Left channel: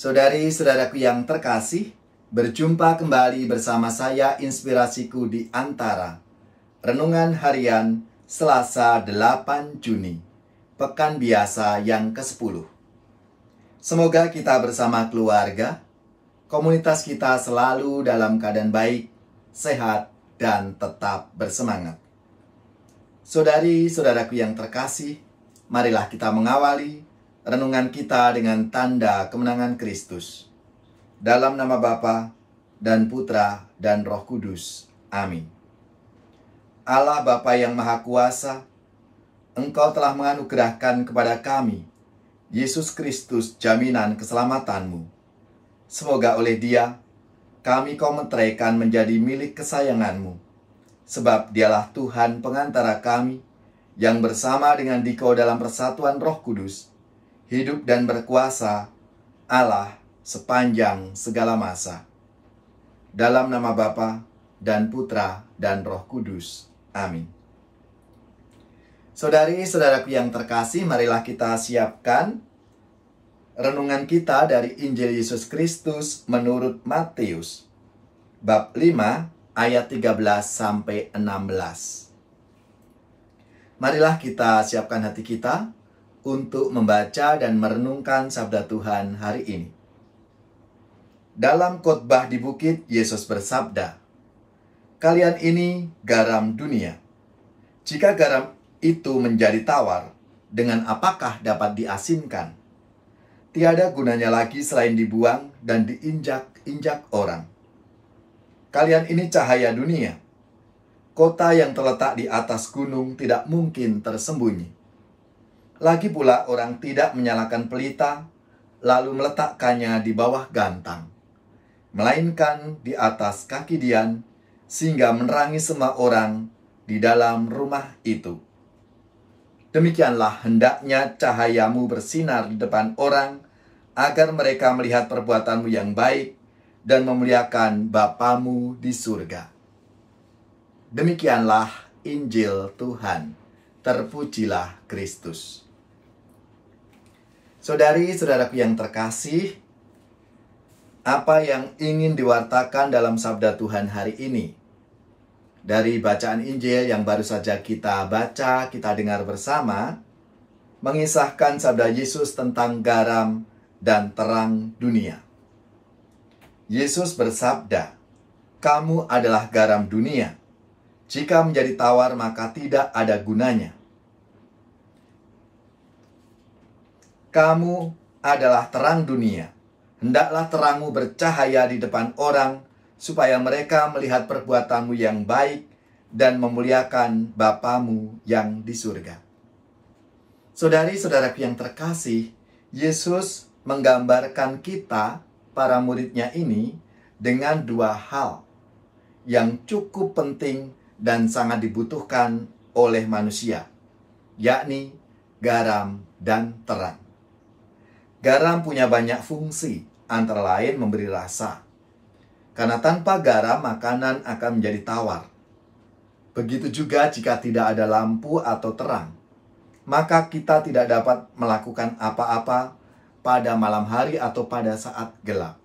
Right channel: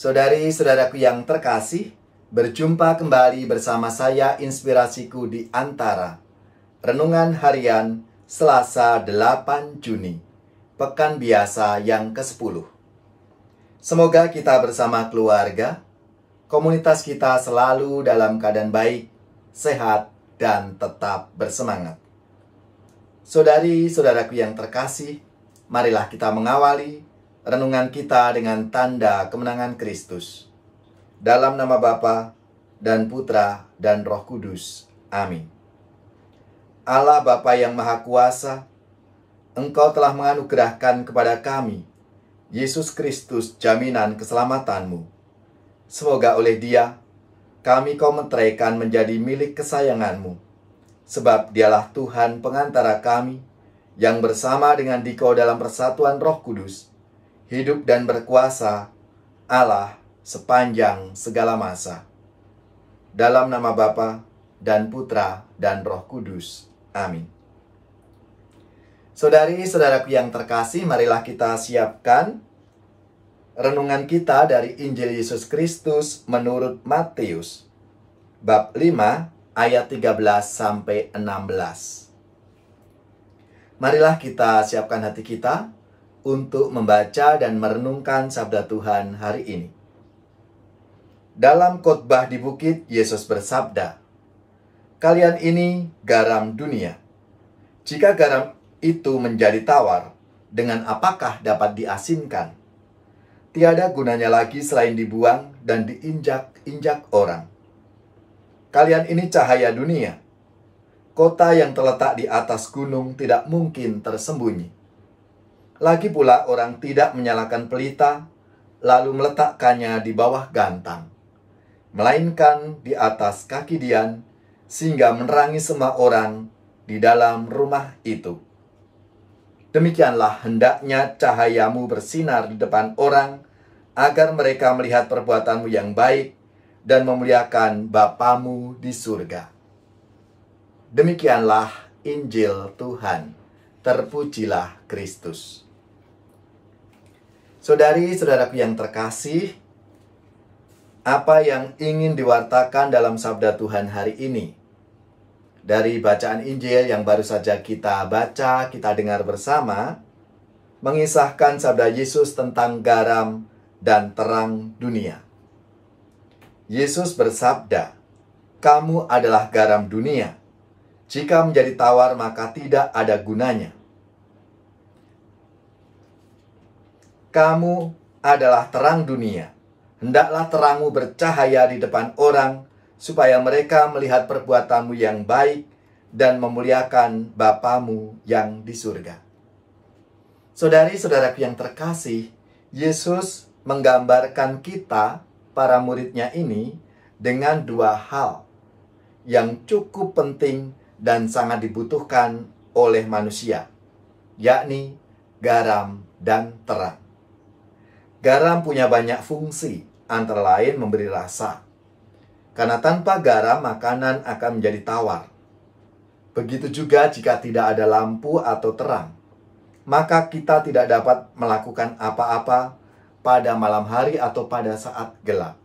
Saudari-saudaraku yang terkasih, berjumpa kembali bersama saya Inspirasiku di Antara. Renungan Harian Selasa 8 Juni, Pekan Biasa yang ke-10. Semoga kita bersama keluarga, komunitas kita selalu dalam keadaan baik, sehat, dan tetap bersemangat. Saudari-saudaraku yang terkasih, marilah kita mengawali renungan kita dengan tanda kemenangan Kristus. Dalam nama Bapa dan Putra dan Roh Kudus. Amin. Allah Bapa yang Maha Kuasa, Engkau telah menganugerahkan kepada kami Yesus Kristus jaminan keselamatanmu. Semoga oleh Dia kami Kau meteraikan menjadi milik kesayanganmu, sebab Dialah Tuhan pengantara kami yang bersama dengan Dikau dalam persatuan Roh Kudus hidup dan berkuasa Allah sepanjang segala masa. Dalam nama Bapa dan Putra dan Roh Kudus. Amin. Saudari-saudaraku yang terkasih, marilah kita siapkan renungan kita dari Injil Yesus Kristus menurut Matius, bab 5 ayat 13-16. Marilah kita siapkan hati kita untuk membaca dan merenungkan sabda Tuhan hari ini. Dalam khotbah di bukit, Yesus bersabda, "Kalian ini garam dunia. Jika garam itu menjadi tawar, dengan apakah dapat diasinkan? Tiada gunanya lagi selain dibuang dan diinjak-injak orang. Kalian ini cahaya dunia. Kota yang terletak di atas gunung tidak mungkin tersembunyi. Lagi pula orang tidak menyalakan pelita, lalu meletakkannya di bawah gantang, melainkan di atas kaki dian, sehingga menerangi semua orang di dalam rumah itu. Demikianlah hendaknya cahayamu bersinar di depan orang, agar mereka melihat perbuatanmu yang baik dan memuliakan Bapamu di surga." Demikianlah Injil Tuhan. Terpujilah Kristus. Saudari-saudaraku yang terkasih, apa yang ingin diwartakan dalam sabda Tuhan hari ini? Dari bacaan Injil yang baru saja kita baca, kita dengar bersama, mengisahkan sabda Yesus tentang garam dan terang dunia. Yesus bersabda, "Kamu adalah garam dunia. Jika menjadi tawar, maka tidak ada gunanya. Kamu adalah terang dunia. Hendaklah terangmu bercahaya di depan orang, supaya mereka melihat perbuatanmu yang baik dan memuliakan Bapamu yang di surga." Saudari-saudaraku yang terkasih, Yesus menggambarkan kita, para muridnya ini, dengan dua hal yang cukup penting dan sangat dibutuhkan oleh manusia, yakni garam dan terang. Garam punya banyak fungsi, antara lain memberi rasa. Karena tanpa garam, makanan akan menjadi tawar. Begitu juga jika tidak ada lampu atau terang, maka kita tidak dapat melakukan apa-apa pada malam hari atau pada saat gelap.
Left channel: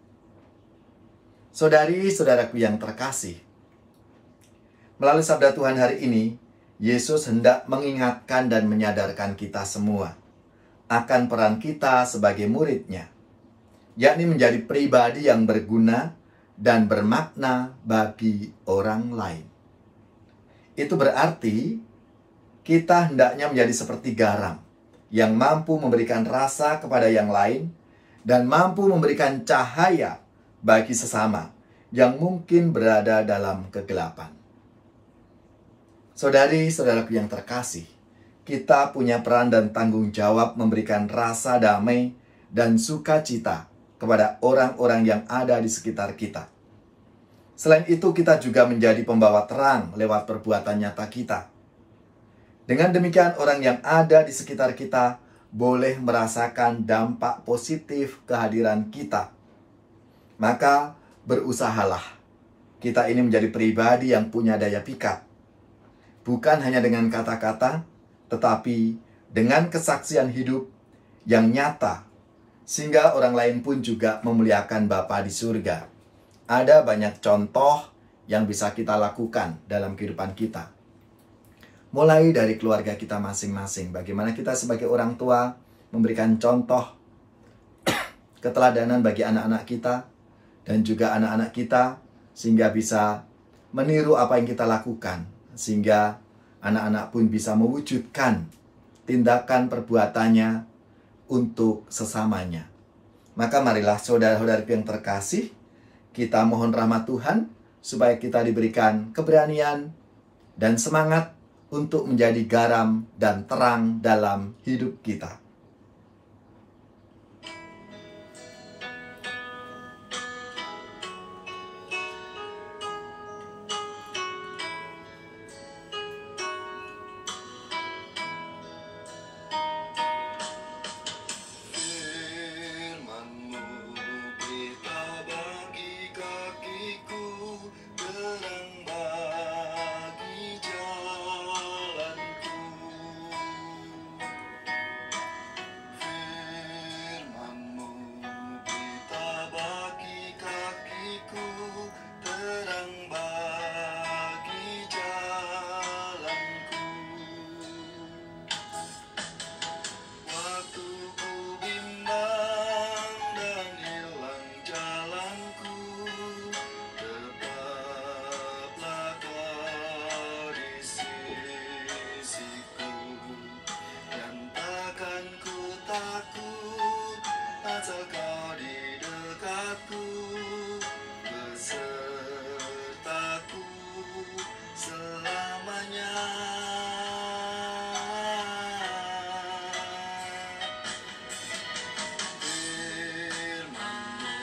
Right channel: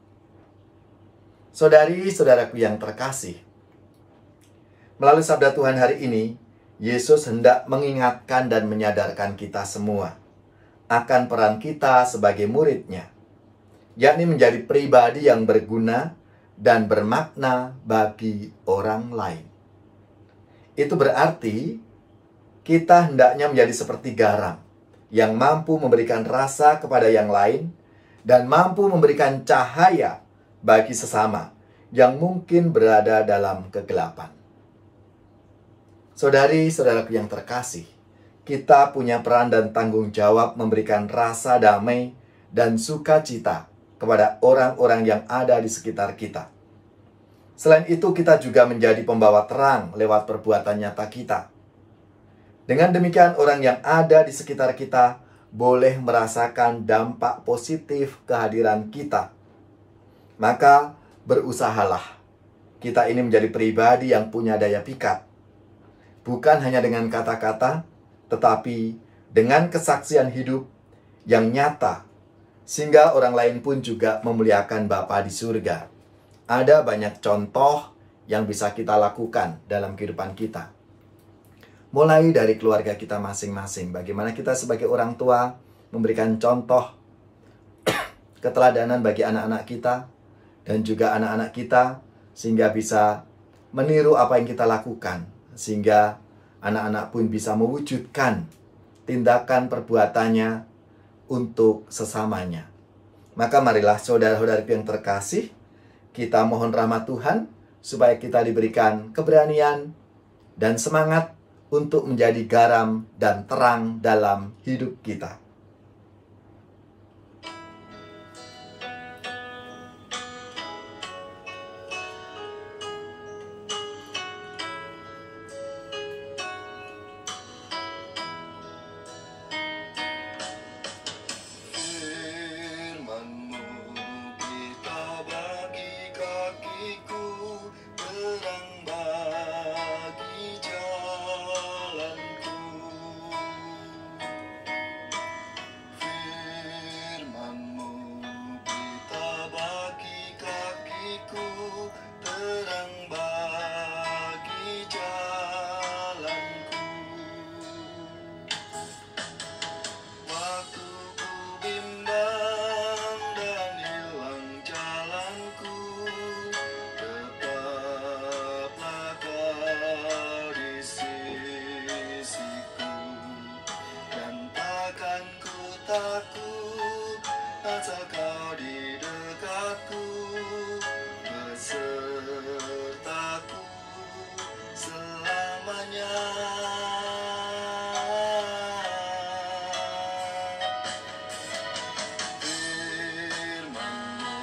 Saudari-saudaraku yang terkasih, melalui sabda Tuhan hari ini, Yesus hendak mengingatkan dan menyadarkan kita semua akan peran kita sebagai murid-Nya, yakni menjadi pribadi yang berguna dan bermakna bagi orang lain. Itu berarti kita hendaknya menjadi seperti garam yang mampu memberikan rasa kepada yang lain dan mampu memberikan cahaya bagi sesama yang mungkin berada dalam kegelapan. Saudari-saudaraku yang terkasih, kita punya peran dan tanggung jawab memberikan rasa damai dan sukacita kepada orang-orang yang ada di sekitar kita. Selain itu, kita juga menjadi pembawa terang lewat perbuatan nyata kita. Dengan demikian, orang yang ada di sekitar kita boleh merasakan dampak positif kehadiran kita. Maka, berusahalah kita ini menjadi pribadi yang punya daya pikat. Bukan hanya dengan kata-kata, tetapi dengan kesaksian hidup yang nyata sehingga orang lain pun juga memuliakan Bapa di surga. Ada banyak contoh yang bisa kita lakukan dalam kehidupan kita. Mulai dari keluarga kita masing-masing, bagaimana kita sebagai orang tua memberikan contoh keteladanan bagi anak-anak kita dan juga anak-anak kita, sehingga bisa meniru apa yang kita lakukan, sehingga anak-anak pun bisa mewujudkan tindakan perbuatannya untuk sesamanya. Maka marilah saudara-saudari yang terkasih, kita mohon rahmat Tuhan supaya kita diberikan keberanian dan semangat untuk menjadi garam dan terang dalam hidup kita. Asal kau di dekatku, besertaku selamanya. Firman-Mu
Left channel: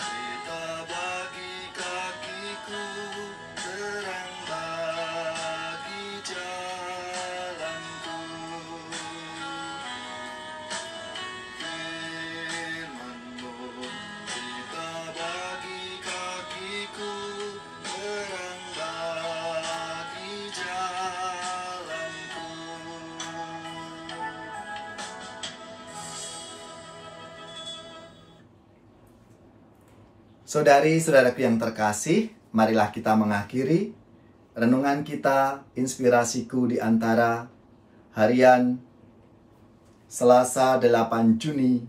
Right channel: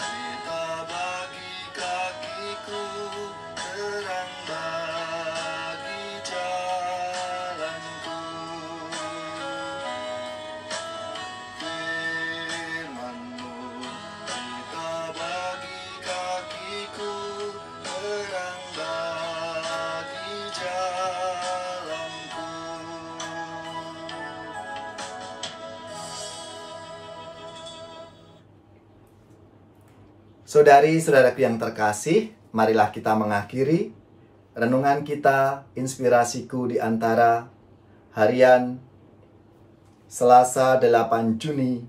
kita bagi kakiku, terang bagi jalanku. Saudari-saudaraku yang terkasih, marilah kita mengakhiri renungan kita, inspirasiku di antara harian Selasa 8 Juni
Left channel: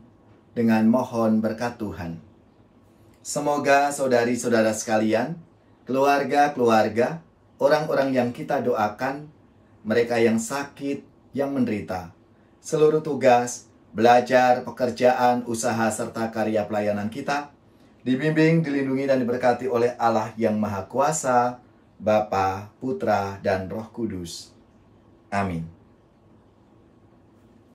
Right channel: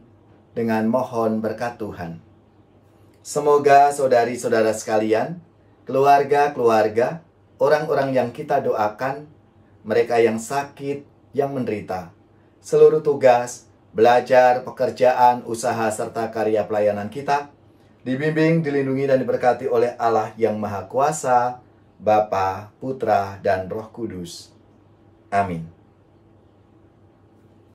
dengan mohon berkat Tuhan. Semoga saudari-saudara sekalian, keluarga-keluarga, orang-orang yang kita doakan, mereka yang sakit, yang menderita, seluruh tugas, belajar, pekerjaan, usaha, serta karya pelayanan kita, dibimbing, dilindungi, dan diberkati oleh Allah yang Maha Kuasa, Bapa, Putra, dan Roh Kudus. Amin.